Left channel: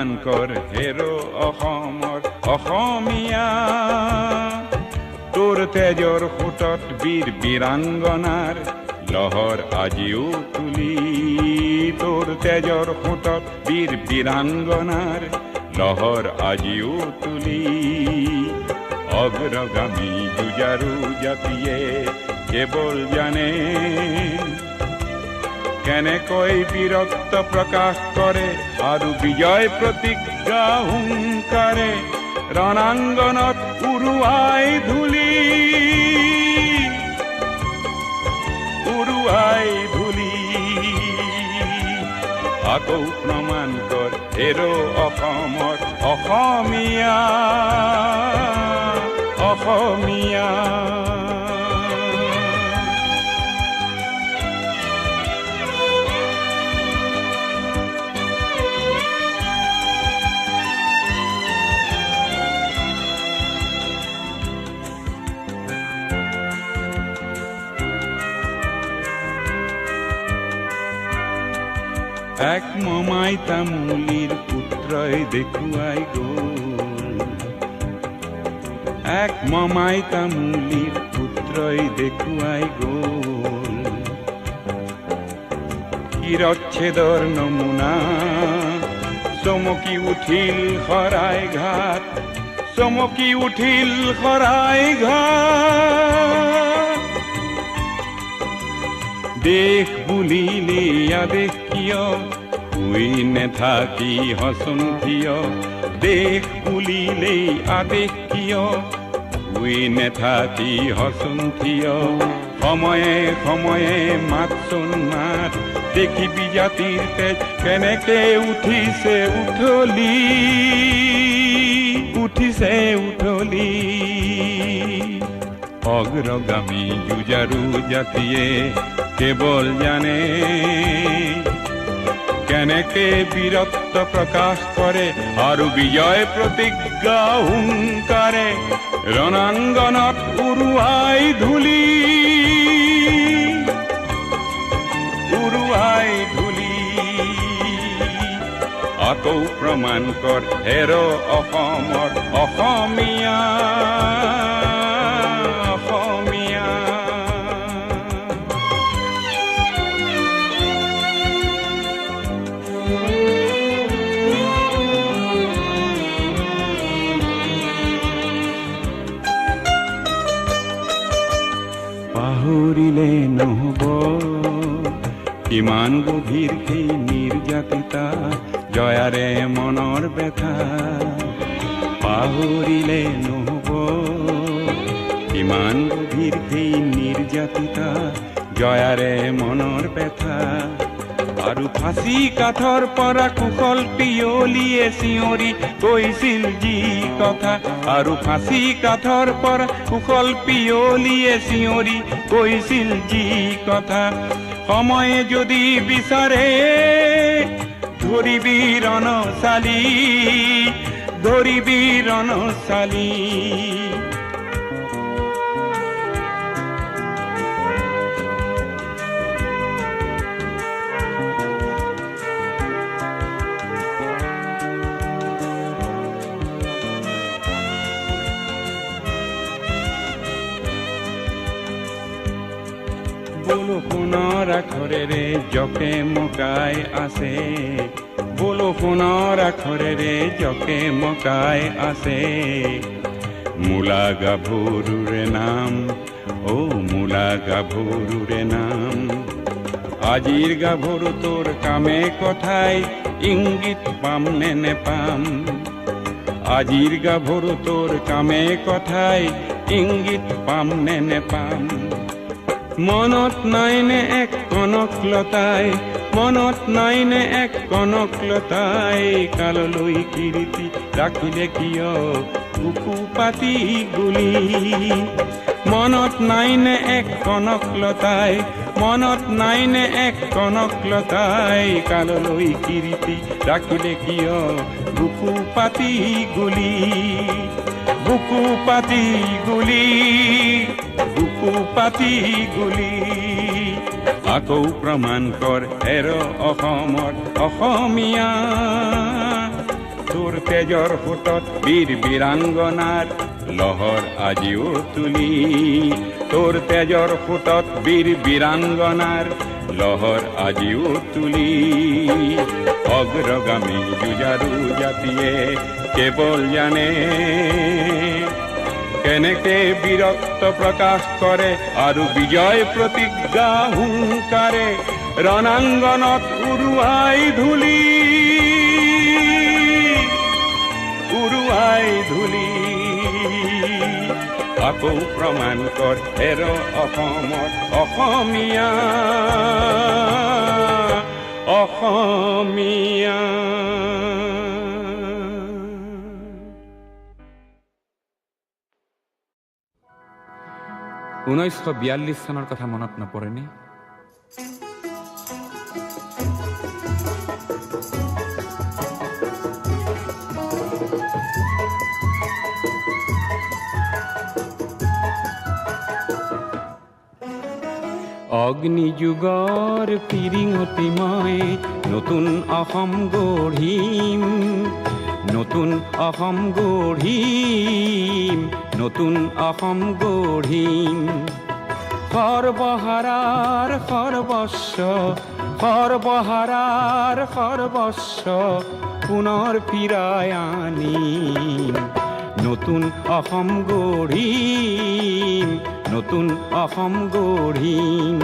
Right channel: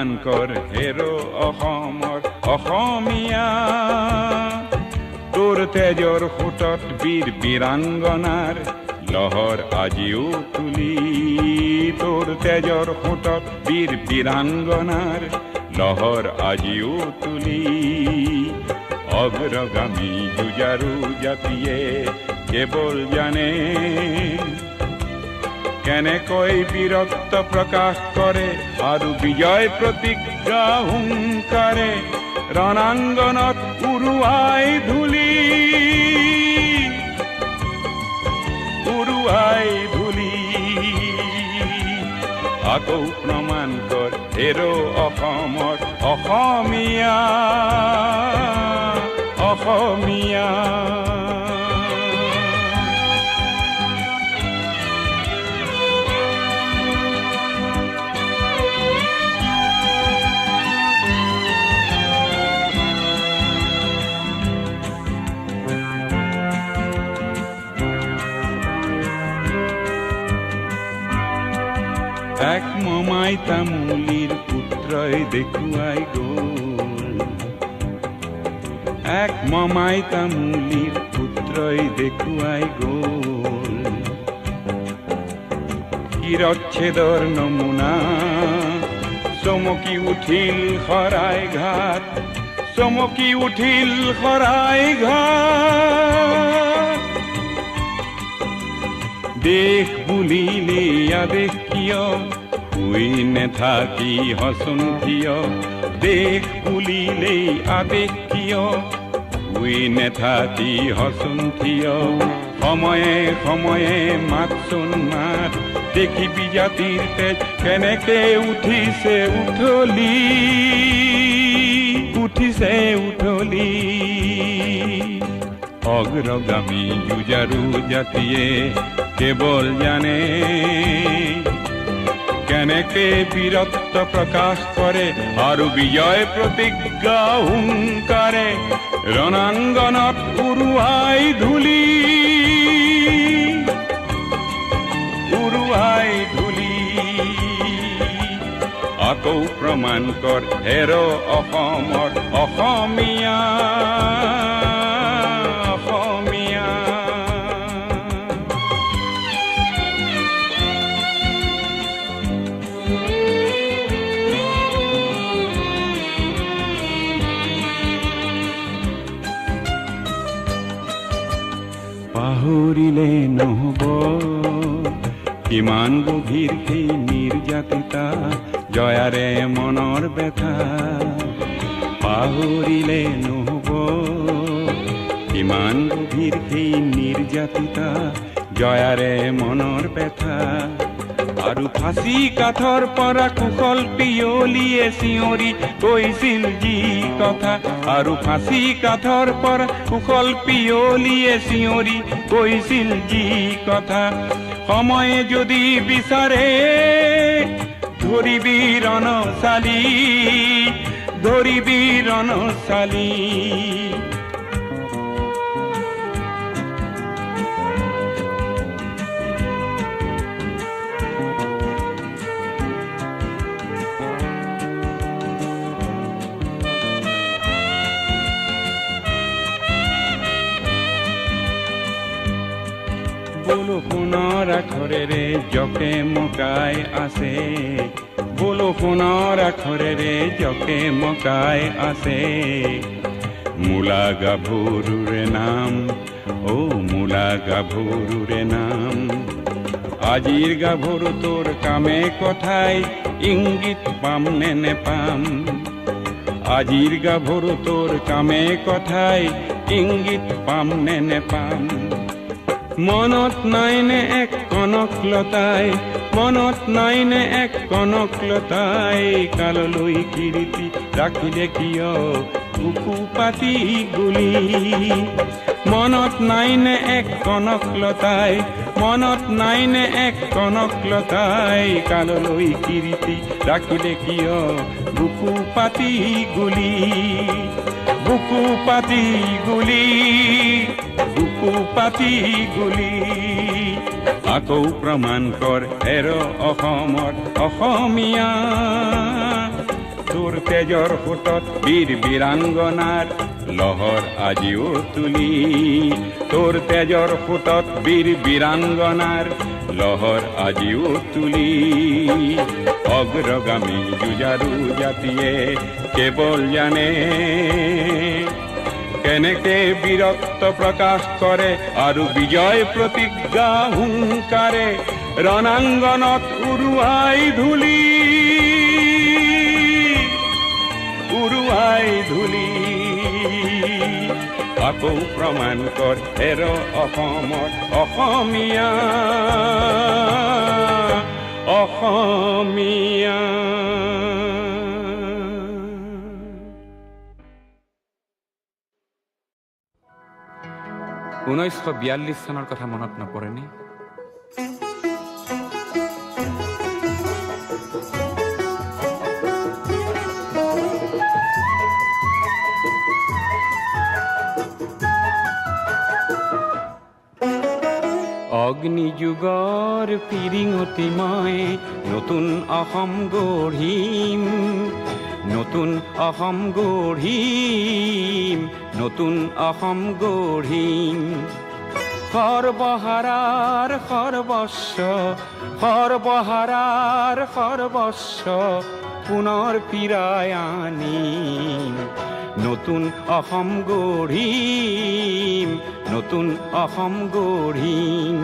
প্ৰমাণ কৰ হেৰ' অসমৰ অসমীয়া তোৰ তেজৰ সোঁতত বীৰ বীৰাংগনাৰ লহৰ আজিও তুলি তোৰ তেজৰ সোঁতত বীৰ বীৰাংগনাৰ লহৰ আজিও তুলি অগ্ৰগামী যুঁজাৰু জাতিয়ে কেৱল জানে কেনেকৈ বীৰত্ব প্ৰকাশ কৰে আৰু বিজয় প্ৰতিজ্ঞা হুংকাৰে ৰণাংগনত উৰুৱাই ধূলি আকৌ প্ৰমাণ কৰ হেৰ' অসমৰ অসমীয়া অসমীয়া এক মমাই তামুলীৰ পুত্ৰই দেখুৱাই গ'ল এক মমাই তামুলীৰ পুত্ৰই দেখুৱাই গ'ল শিৰচ্ছেদৰ নমুনা চমকি উঠিল শৰাই ঘাট চমকি উঠিল শৰাই ঘাট দেশ বুলিলে আদেশ কিয় তুই নেথাকি হচোন কিয় দেশ বুলিলে আদেশ কিয় তুই নেথাকি হচোন কিয় সময়ে সময়ে মাতচোন মাত দেখিবি জাতিৰ তেজ কেনেকে উঠিছে উঠলি অগ্ৰগামী যুঁজাৰু জাতিয়ে কেৱল জানে কেনেকে বীৰত্ব প্ৰকাশ কৰে আৰু বিজয় প্ৰতিজ্ঞা হুংকাৰে ৰণাংগনত উৰুৱাই ধূলি আকৌ প্ৰমাণ কৰ হেৰ' অসমৰ অসমীয়া পাহৰিলে নহ'ব কিমান গভীৰ সেই নিৰ্যাতিতা জয়াৰে মনৰ ব্যথা পাহৰিলে নহ'ব কিমান গভীৰ সেই নিৰ্যাতিতা জয়াৰে মনৰ ব্যথা আৰু ফাঁচি কাঠৰ পৰা কুশল পিয়লিয়ে চিঞৰি কৈছিল যি কথা আৰু ফাঁচি কাঠৰ পৰা কুশল পিয়লিয়ে চিঞৰি কৈছিল যি কথা সময়ে যদি বিচাৰে ধৰিবি ৰণশালী বৰষুণৰ আখৰেৰে জকে মকাই আছে বৰষুণৰ আখৰেৰে জকে মকাই আছে মূলা গাভৰুৰে নাম মূলা গাভৰুৰে নাম আজিৰ গাভৰু তোৰ কামে কথাই ইংগিত পাম নে নেপাম আজিৰ গাভৰু তোৰ কামে কথাই ইংগিত পাম নে নেপাম মনত নাইনে এক কনকলতাই মনত নাইনে এক কনকলতাই কাললৈ কীৰ্তি ৰাখিলে কিয় বুকু পাতি গুলি মনত নাইনে এক কনকলতাই মনত নাইনে এক কনকলতাই কাললৈ কীৰ্তি ৰাখিলে কিয় বুকু পাতি গুলি বুকু পাতি গুলি বুকু পাতি গুলি আকৌ প্ৰমাণ কৰ হেৰ' অসমৰ অসমীয়া তোৰ তেজৰ সোঁতত বীৰ বীৰাংগনাৰ লহৰ আজিও তুলি তোৰ তেজৰ সোঁতত বীৰ বীৰাংগনাৰ লহৰ আজিও তুলি অগ্ৰগামী যুঁজাৰু জাতিয়ে কেৱল জানে কেনেকে বীৰত্ব প্ৰকাশ কৰে আৰু বিজয় প্ৰতিজ্ঞা হুংকাৰে ৰণাংগনত উৰুৱাই ধূলি আকৌ প্ৰমাণ কৰ হেৰ অসমৰ অসমীয়া অসমীয়া। 1942 চনৰ কথা মনত নপৰেনে? অগ্নিযুগৰ পিৰিঙতি মই নতুন অসম গঢ়িম নতুন অসম গঢ়িম নতুন অসম গঢ়িম সৰ্বহাৰাৰ সৰ্বস্ব সৰ্বহাৰাৰ সৰ্বস্ব পুনৰ ফিৰাই আনিম নতুন অসম গঢ়িম নতুন অসম গঢ়িম।